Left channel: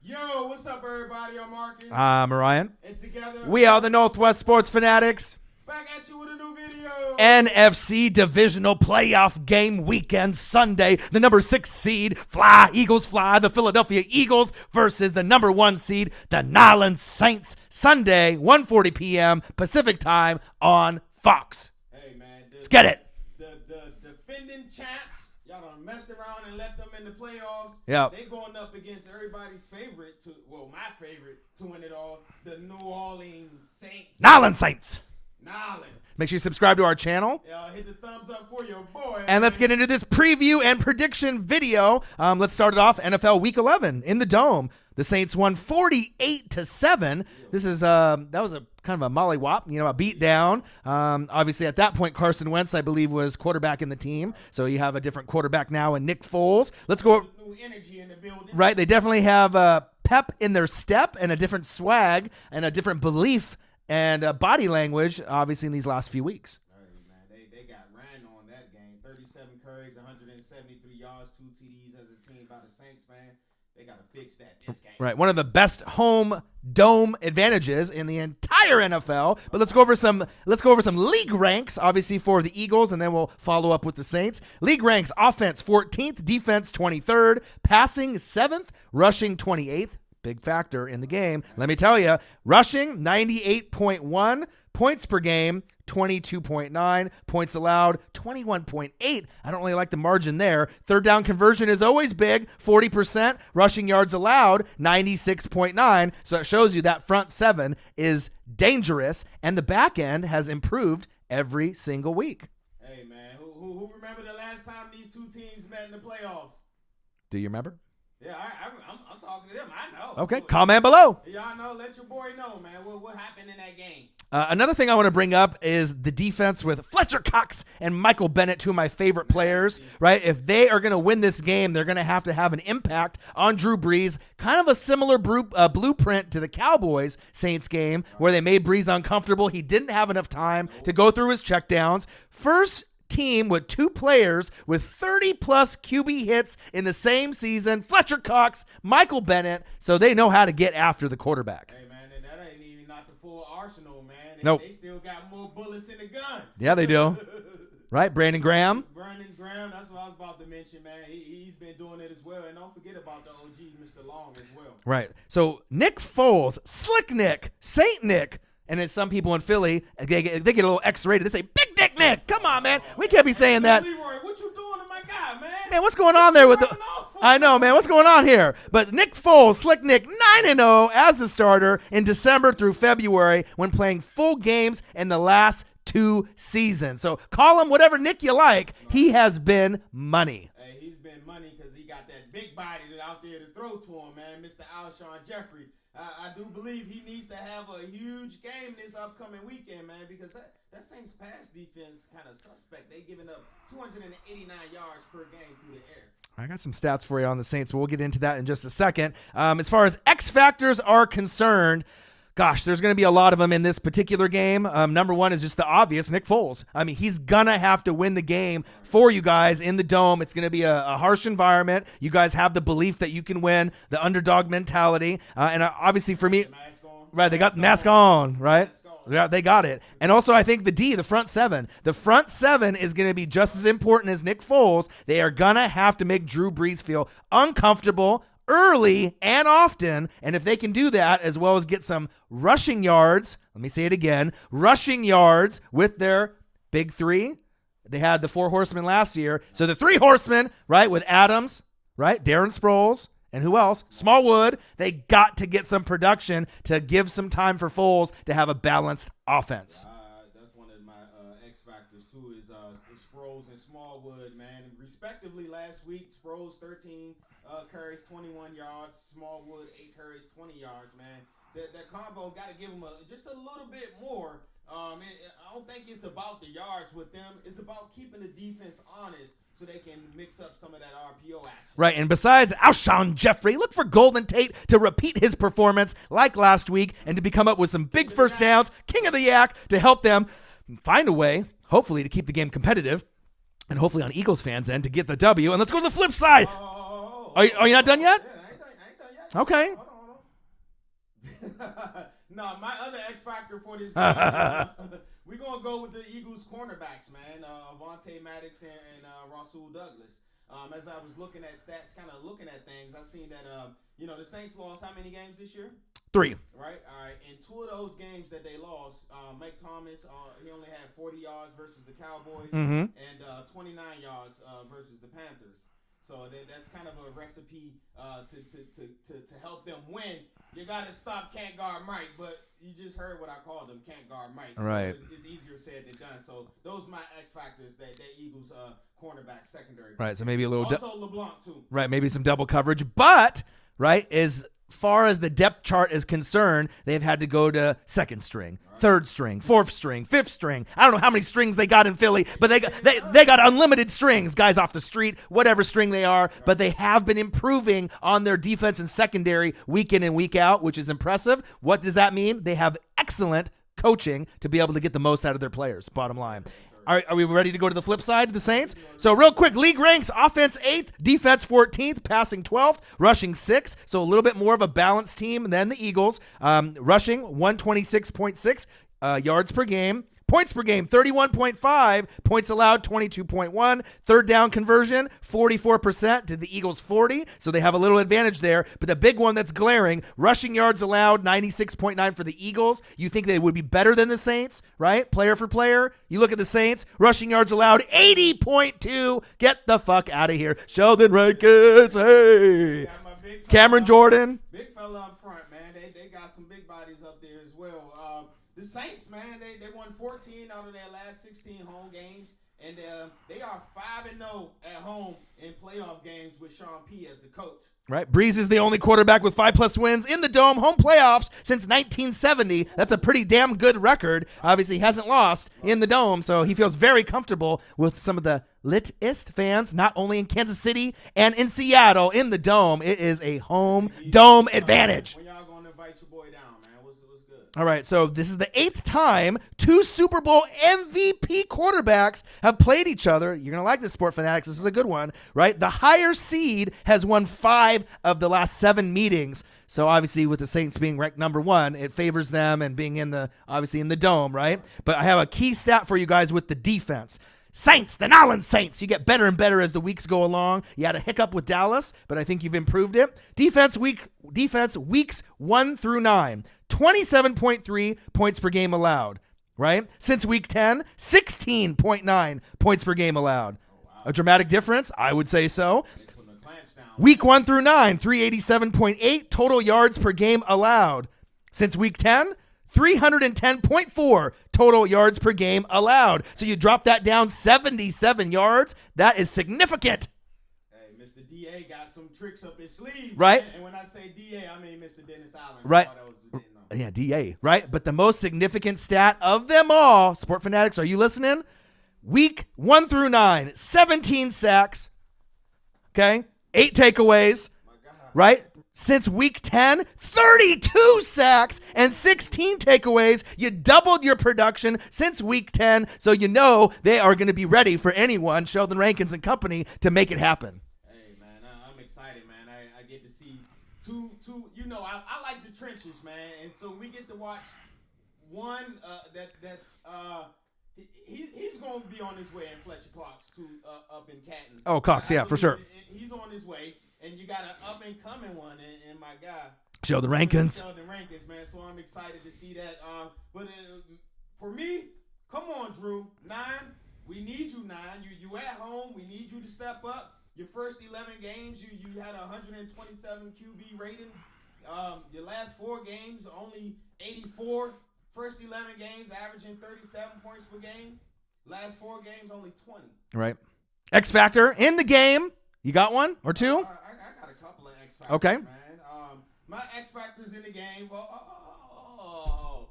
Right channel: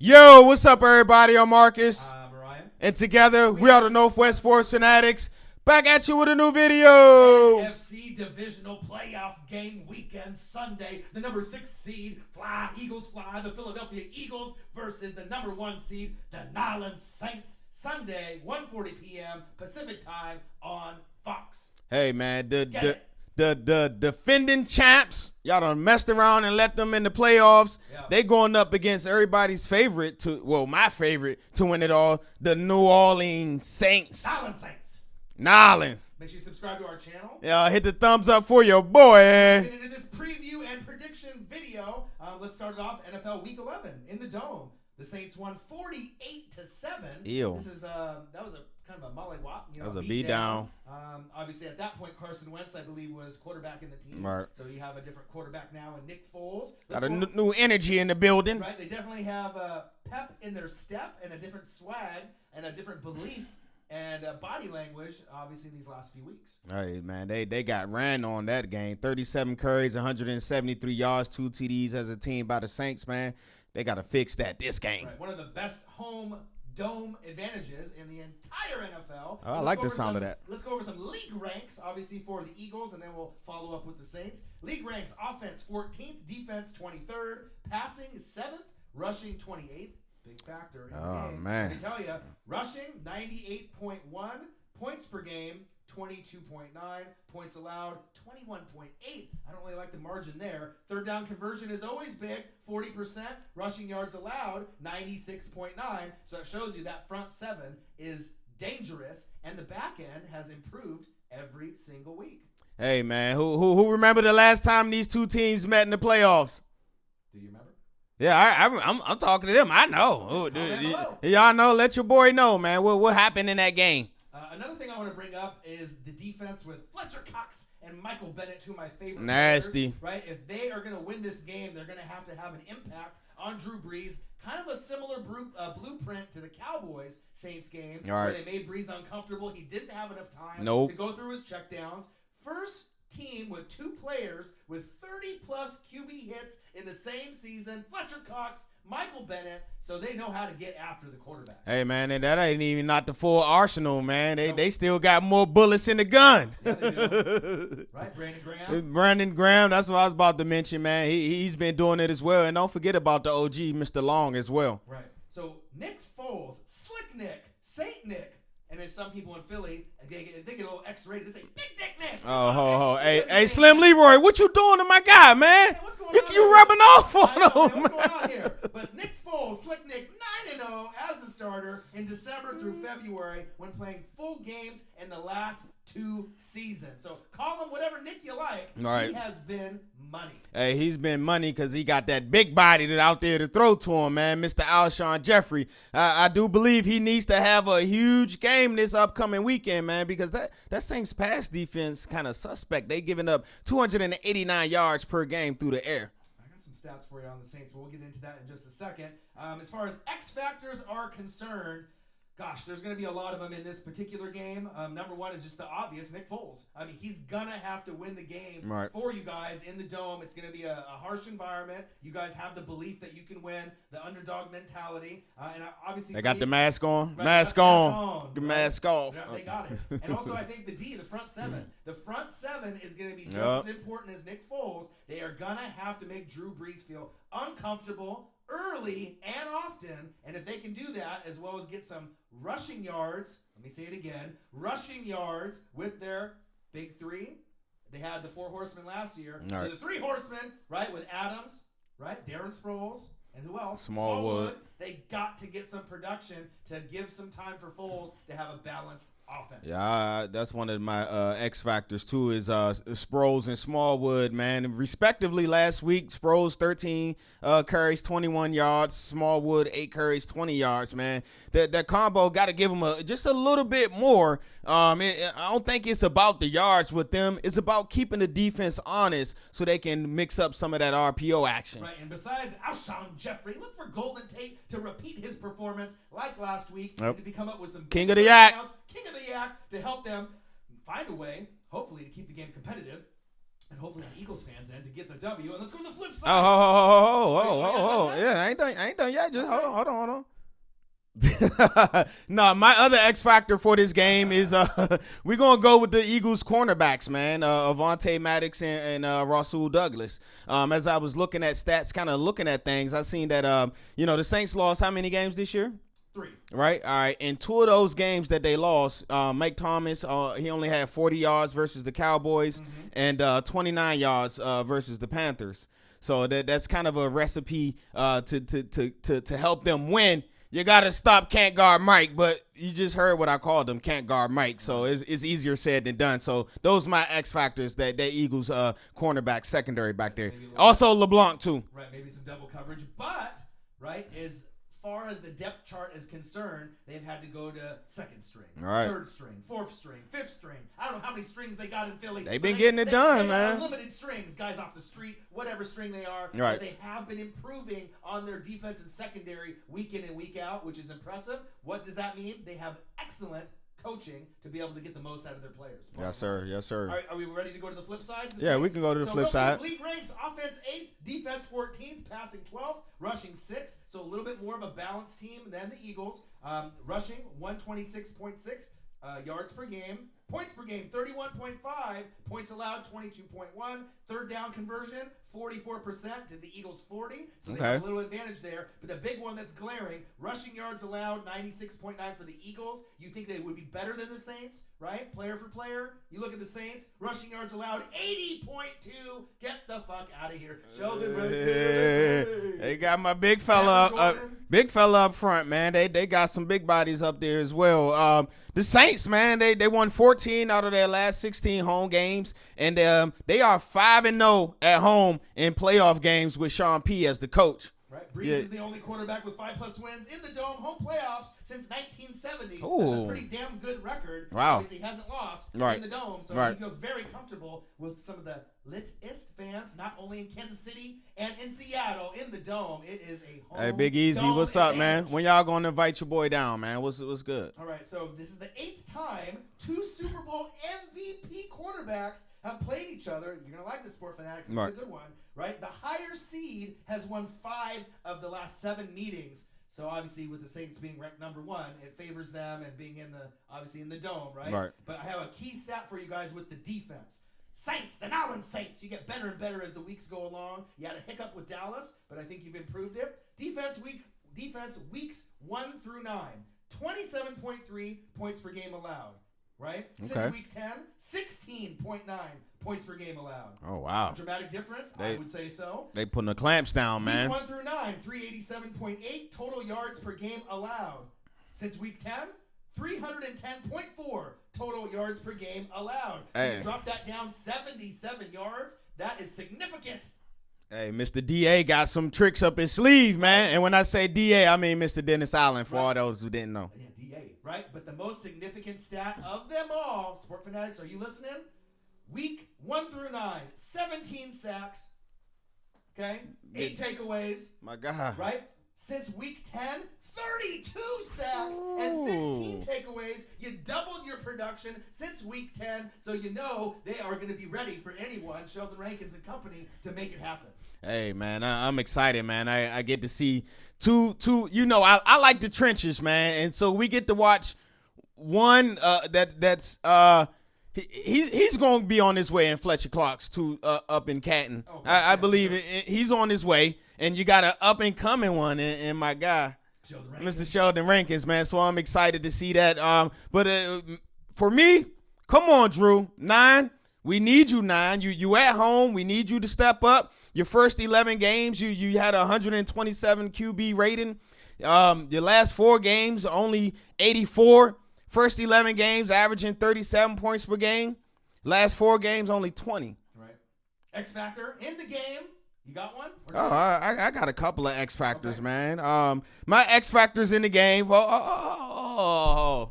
Yo, what's up, everybody? I'm Marcus. I'm Ryan. And together, we are the Northwest Sports Fanatics. Back at you with a new video. NFC Divisional Playoff Game Weekend Sunday. The number 6 seed, Eagles fly, the Philadelphia Eagles versus the number 1 seed, the New Orleans Saints. Sunday, 1:40 p.m. Pacific time on Fox. Hey, man. Let's get it. The defending champs, y'all done messed around and let them in the playoffs. Yeah. They going up against everybody's favorite my favorite to win it all, the New Orleans Saints. New Orleans Saints. New Orleans. Make sure you subscribe to our channel. Hit the thumbs up for your boy. And let's get into this preview and prediction video. Let's start it off. NFL Week 11 in the Dome. The Saints won 48-7. Ew. This is that was a kind of a mollywop, a beat down. Obviously, at that point, Carson Wentz, I believe, was quarterback in the team. Right. So you have a different quarterback now, and Nick Foles. Let's go. New energy in the building. Right. They definitely have pep in their step and a different swag and a different belief and body language, obviously, in these last few weeks. Hey, man, they got ran on that game. 37 carries, 173 yards, 2 TDs as a team by the Saints, man. They got to fix that this game. Right, one of the best home dome advantages in the entire NFL. But let's go over some league ranks, obviously, for the Eagles, and then we'll follow up with the Saints. League ranks: offense 14th, defense 23rd, passing 7th, rushing 28th. Big factor in the game. Man. Let me tell you, rushing 98.1 points per game. 22.9 points allowed, 21.8. I don't really like the margin there. Third down conversion is always big, 40%. Rushing yards allowed, 96.9. So that shows you that front 7 is dangerous, and the back end has improved every single week. Hey, man, who remember the last time these two teams met in the playoffs? Do you remember? Yeah, I'm talking to them. I know. Okay, comment below. Y'all know. Let your boy know, man. What happened in that game? Another thing I want to bring up is the defense with Fletcher Cox and Michael Bennett, two of my favorite players, right? If they are going to win this game, they're going to have an impact on Drew Brees, kind of a similar blueprint to the Cowboys Saints game, where they made Brees uncomfortable. He didn't have enough time to go through his checkdowns. First team with 2 players with 30-plus QB hits in the same season, Fletcher Cox, Michael Bennett, so they know how to get after the quarterback. Hey, man, and that ain't even not the full arsenal, man. They still got more bullets in the gun. Yeah, they do. Right, Brandon Graham, that's what I was about to mention, man. He's been doing it as well, and don't forget about the OG, Mr. Long, as well. Right, so Nick Foles, Slick Nick, Saint Nick, and then some people in Philly, they get a little X-rated. They say, Big Dick Nick, come on, man. We can't be saying Slim that. Leroy, what you doing to my guy, man? Man, what's going on there? Rubbing off on I know, him. man. What's going on here? But Nick Foles, Slick Nick, 9-0 as the starter in December through February when playing full games in the last 2 seasons. So call him whatever Nick you like. Right. He has been money. Hey, he's been money because he got that big body that out there to throw to him, man. Mr. Alshon Jeffrey. I do believe he needs to have a huge game this upcoming weekend, man, because that Saints pass defense kind of suspect. They giving up 289 yards per game through the air. I got some stats for you on the Saints, but we'll get into that in just a second. As far as X factors are concerned, gosh, there's going to be a lot of them in this particular game. Number 1 is just the obvious, Nick Foles. I mean, he's going to have to win the game for you guys in the Dome. It's going to be a harsh environment. You guys have the belief that you can win, the underdog mentality. And obviously for me, the mask on. Right, they got the mask on, right? Mask on. Yeah, they got it. And also I think the front 7. The front 7 is going to be just as important as Nick Foles. They are going to have to make Drew Brees feel uncomfortable early and often, and if they can do that, as well as get some rushing yards, let me say it again, rushing yards with their big 3. They had the 4 horsemen last year. So the 3 horsemen, right, with Adams, right, Darren Sproles, and who else? Smallwood. They got to get some production to give some time for Foles to have a balanced offense. Yeah, that's one of my X factors too. Is Sproles and Smallwood, man, and respectively. Last week, Sproles 13 carries, 21 yards. Smallwood 8 carries, 20 yards. Man, that combo got to give them just a little bit more. I don't think it's about the yards with them. It's about keeping the defense honest so they can mix up some of that RPO action. Right, and besides Alshon Jeffrey, look for Golden Tate to repeat his performance like last week and to come up with some big first downs, king of the yak, to help them find a way, hopefully, to keep the game competitive. and hopefully on Eagles fans' end to get the W. And let's go to the flip side. Are you not done yet? Yeah, I ain't done yet. Okay. Hold on. No, my other X factor for this game is we're gonna go with the Eagles cornerbacks, man. Avonte Maddox and Rasul Douglas. As I was looking at stats, kind of looking at things, I seen that the Saints lost how many games this year? 3. Right. All right. In 2 of those games that they lost, Mike Thomas, he only had 40 yards versus the Cowboys and 29 yards versus the Panthers. So that's kind of a recipe to help them win. You got to stop can't guard Mike, but you just heard what I called him, can't guard Mike. Right. So it's easier said than done. So those are my X factors, that Eagles cornerback secondary back Right, so there. maybe a little also LeBlanc too. Right, maybe some double coverage. But, right, as far as the depth chart is concerned, they've had to go to second string, third string, fourth string, fifth string. I don't know how many strings they got in Philly, but they got unlimited strings, guys off the street, whatever string they are. Right. But they have been improving on their defense and secondary week in and week out, which is impressive. What does that mean? They have excellent coaching to be able to get the most out of their players, bottom line. Yes, sir. Are we ready to go to the flip side of the Saints? We can go to the so flip real side. quick, league ranks: offense 8th, defense 14th, passing 12th, rushing 6th. So a little bit more of a balanced team than the Eagles. Rushing 126.6 yards per game. Points per game, 31.5. Points allowed, 22.1. Third down conversion, 44% to the Eagles 40. So they have a little advantage there. But the big one that's glaring, rushing yards allowed, 96.9 for the Eagles. You think they would be better than the Saints, right? Player for player. You look at the Saints, rushing yards allowed, 80.2. Get the fuck out of here. Sheldon Rankins, hey. They got my big fella. Cameron Jordan. Big fella up front, man. They got some big bodies up there as well. The Saints, man, they won 14 out of their last 16 home games, and they are 5-0 at home in playoff games with Sean P as the coach. Right, Breeze is the only quarterback with 5+ wins in the Dome home playoffs since 1970. Ooh. That's a pretty damn good record. Wow. Obviously, he hasn't lost in the Dome, so he feels very comfortable with some of the litest fans, not only in Kansas City and in Seattle in the Dome. It is a home Dome advantage. When y'all going to invite your boy down, man? What's good? All right, so this is the 8th time 2 Super Bowl MVP quarterbacks have played each other. You're going to like this, Sport Fanatics. This is a good one, right? The higher seed has won 5 of the last 7 meetings. So obviously with the Saints being ranked number 1, it favors them and being in the Dome, right? But I have a key stat for you guys with the defense. Saints, the Nolans Saints. You get better and better as the weeks go along. You had a hiccup with Dallas, but I think you've improved it. Defense weeks 1 through 9, 27.3 points per game allowed. Right? Since week 10, 16.9 points per game allowed. Oh, wow. A dramatic difference? I would say so. They putting the clamps down, Week man. 1 through 9, 387.8 total yards per game allowed. Since week 10, 310.4 total yards per game allowed. So you drop that down 77 yards. That is significant. Hey, Mr. DA got some tricks up his sleeve, right? Man. And when I say DA, I mean Mr. Dennis Allen, for all those who didn't know. Yeah, DA, right? But the most significant stat of them all, Sport Fanatics, are you listening? Week 1 through 9, 17 sacks, okay? 8 takeaways. My God. Right? Since week 10, 32 sacks and 16 takeaways. You doubled your production since week 10, so you know they are going to be ready for anyone, Sheldon Rankins and company, to make it happen. Hey, man, I'm excited, man. I get to see two. I like the trenches, man, and so we get to watch one that's he's going to be on his way in Fletcher Clark's up in Canton. Oh, Cox, I believe for sure. He's on his way. And you got an up-and-coming one in my guy. Sheldon Rankins. Mr. Sheldon Rankins, man. So I'm excited to see that. But for me, come on, Drew. 9. We need you, 9. You at home. We need you to step up. Your first 11 games, you had a 127 QB rating. Your last 4 games, only 84. First 11 games, averaging 37 points per game. Last 4 games, only 20. Right. X Factor in the game. You got one or two? I got a couple of X Factors, man. My X Factors in the game. Now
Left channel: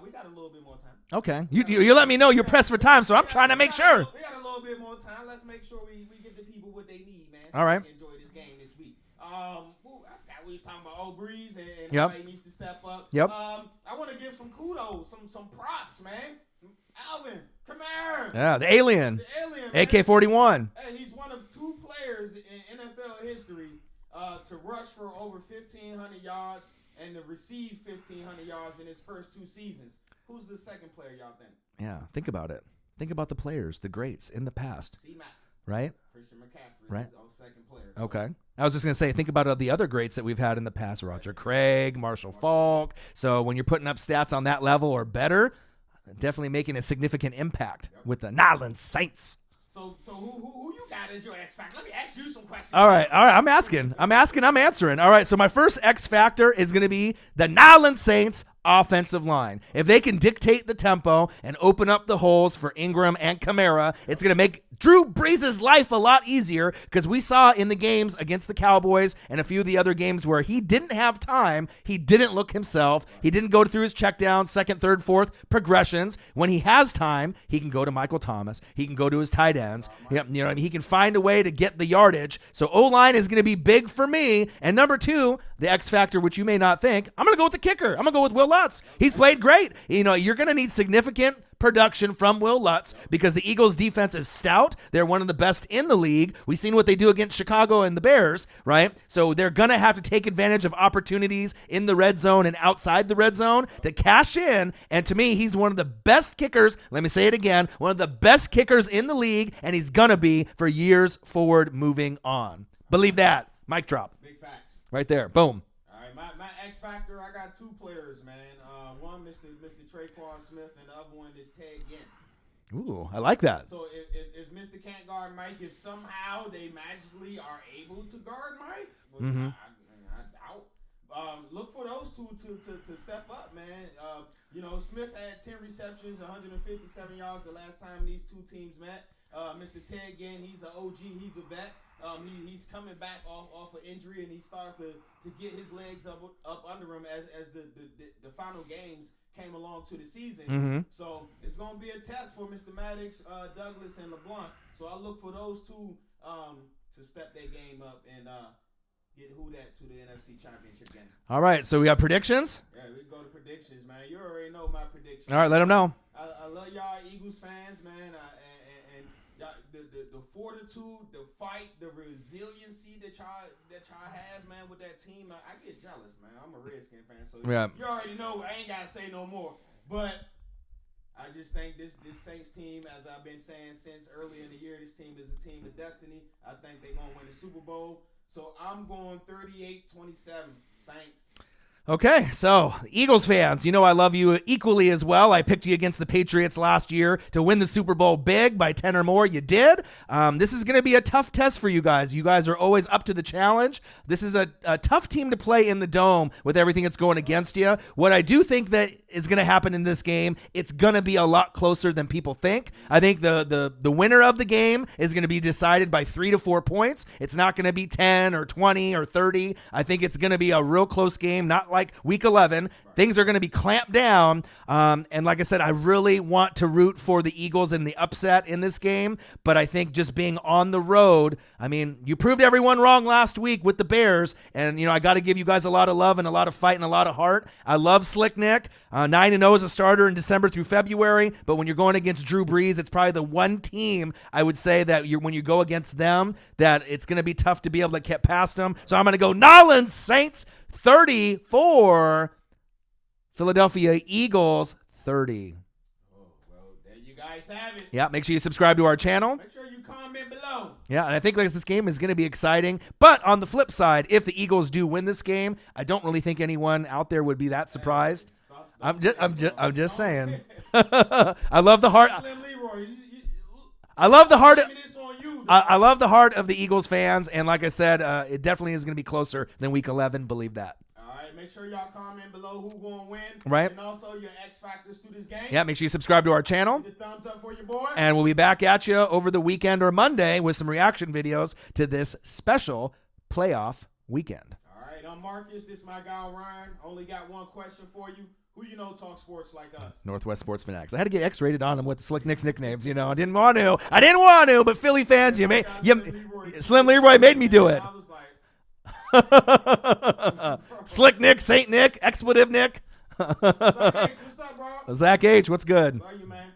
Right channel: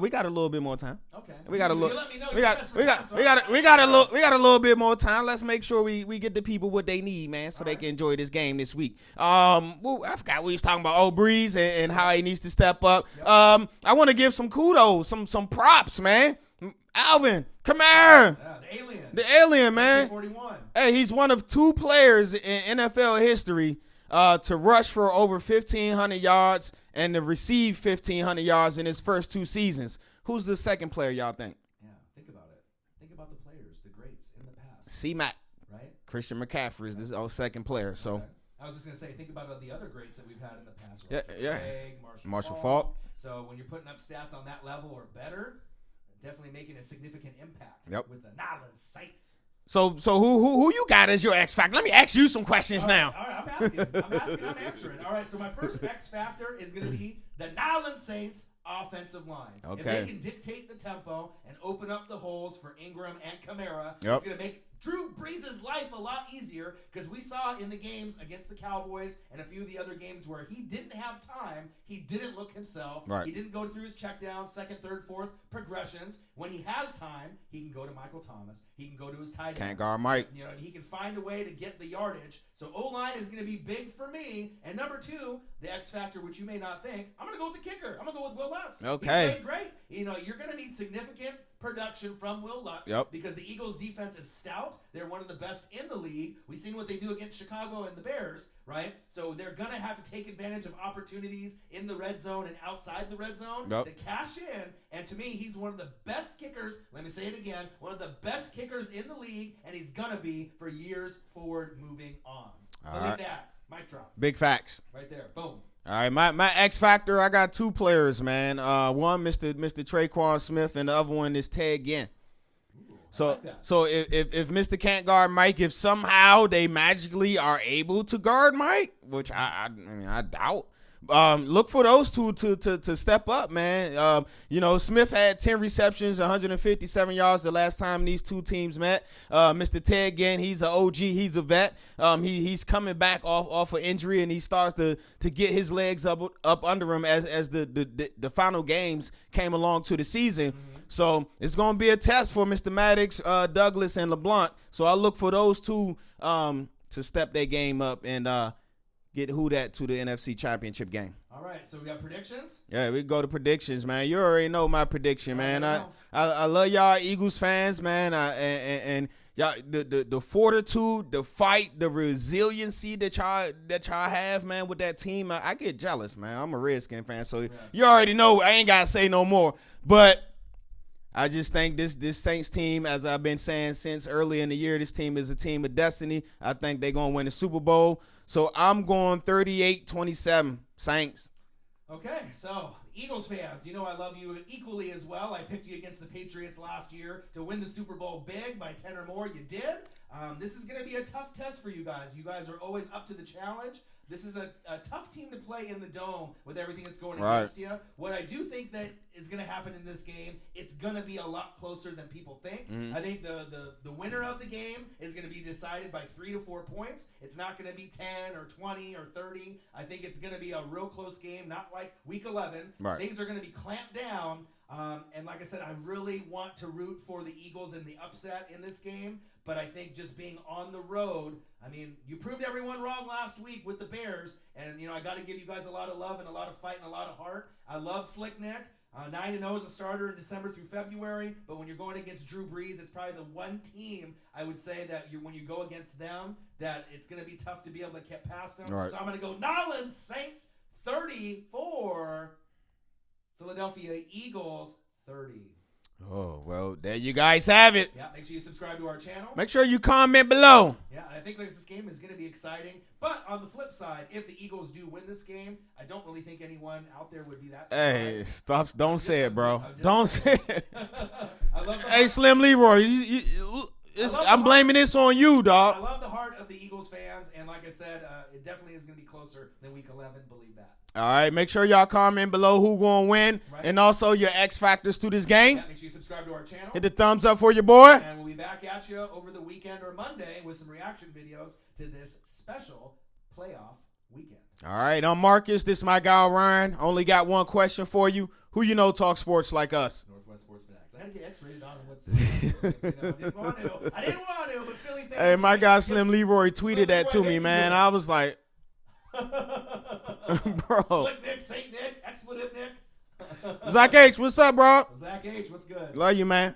we got a little bit more time. Okay. You let me know you're pressed for time, so I'm trying to make sure. We got a little bit more time. Let's make sure we get the people what they need, man, so they can enjoy this game this week. I forgot we was talking about old Breeze and how he needs to step up. Yep. I want to give some kudos, some props, man. Alvin, come here. Yeah, the alien. The alien, man. AK-41. Hey, he's one of 2 players in NFL history to rush for over 1,500 yards and to receive 1,500 yards in his first 2 seasons. Who's the second player y'all think? Yeah, think about it. Think about the players, the greats in the past. C-Mac. Right? Christian McCaffrey is his second player. So. Okay. I was just going to say, think about the other greats that we've had in the past. Roger Yeah. Craig, Marshall Faulk. So when you're putting up stats on that level or better, definitely making a significant impact with the New Orleans Saints. So who you got as your X factor? Let me ask you some questions All now. right. I'm asking. I'm answering. All right. So my first X factor is going to be the New Orleans Saints offensive line. Okay. If they can dictate the tempo and open up the holes for Ingram and Kamara, it's going to make Drew Brees' life a lot easier, because we saw in the games against the Cowboys and a few of the other games where he didn't have time, he didn't look himself, he didn't go through his check down, second, third, fourth progressions. When he has time, he can go to Michael Thomas, he can go to his tight ends. He can find a way to get the yardage. So O-line is going to be big for me. And number 2, the X factor, which you may not think, I'm going to go with the kicker. I'm going to go with Will Lutz. Okay. He's played great. You're going to need significant production from Will Lutz because the Eagles defense is stout. They're one of the best in the league. We've seen what they do against Chicago and the Bears, right? So they're going to have to take advantage of opportunities in the red zone and outside the red zone to cash in. And to me, he's one of the best kickers. Let me say it again. One of the best kickers in the league, and he's going to be for years forward moving on. Believe that. Mic drop. Big facts. Right there. Boom. All right, my X factor, I got 2 players, man. One, Mr. Traquan Smith, and the other one is Ted Ginn. Ooh, I like that. So if Mr. can't guard Mike, if somehow they magically are able to guard Mike, which I doubt, look for those 2 to step up, man. Smith had 10 receptions, 157 yards the last time these 2 teams met. Mr. Ted Ginn, he's an OG, he's a vet. He's coming back off of injury, and he starts to get his legs up under him as the final games came along to the season. So it's going to be a test for Mr. Maddox, Douglas, and LeBlanc. So I look for those 2 to step their game up and get that to the NFC Championship game. All right, so we got predictions? Yeah, we go to predictions, man. You already know my prediction. All right, man. let them know. I love y'all Eagles fans, man. And y'all, the fortitude, the fight, the resiliency that y'all have, man, with that team. I get jealous, man. I'm a Redskin fan, so you already know. I ain't gotta say no more. But I just think this Saints team, as I've been saying since early in the year, this team is a team of destiny. I think they're gonna win the Super Bowl. So I'm going 38-27 Saints. Okay, so Eagles fans, I love you equally as well. I picked you against the Patriots last year to win the Super Bowl big by 10 or more. You did. This is going to be a tough test for you guys. You guys are always up to the challenge. This is a tough team to play in the Dome with everything that's going against you. What I do think that is going to happen in this game, it's going to be a lot closer than people think. I think the winner of the game is going to be decided by 3 to 4 points. It's not going to be 10 or 20 or 30. I think it's going to be a real close game, not like week 11. Things are going to be clamped down. And like I said, I really want to root for the Eagles in the upset in this game. But I think just being on the road, I mean, you proved everyone wrong last week with the Bears. And, I got to give you guys a lot of love and a lot of fight and a lot of heart. I love Slick Nick. 9-0 as a starter in December through February. But when you're going against Drew Brees, it's probably the one team I would say that when you go against them, that it's going to be tough to be able to get past them. So I'm going to go New Orleans Saints 34, Philadelphia Eagles 30. Oh, well, there you guys have it. Yeah, make sure you subscribe to our channel. Make sure you comment below. Yeah, and I think this game is going to be exciting. But on the flip side, if the Eagles do win this game, I don't really think anyone out there would be that surprised. Hey, don't say it, bro. I'm just saying. I love the heart. Hey, Slim Leroy, I love the heart. I'm blaming this on you, dog. I love the heart of the Eagles fans, and like I said, it definitely is going to be closer than Week 11. Believe that. All right, make sure y'all comment below who going to win, and also your X factors to this game. Yeah, make sure you subscribe to our channel. Hit the thumbs up for your boy, and we'll be back at you over the weekend or Monday with some reaction videos to this special playoff weekend. All right, I'm Marcus. This is my guy Ryan. Only got one question for you. Who talk sports like us? Northwest Sports Fanatics. I had to get X-rated on them with the Slick Nick's nicknames. I didn't want to, but Philly fans. Hey, my guy Slim Leroy tweeted Slim Leroy made me do it. I was like, Slick Nick, Saint Nick, Expletive Nick. Zach H, what's up, bro? Zach H, what's good? Love you, man.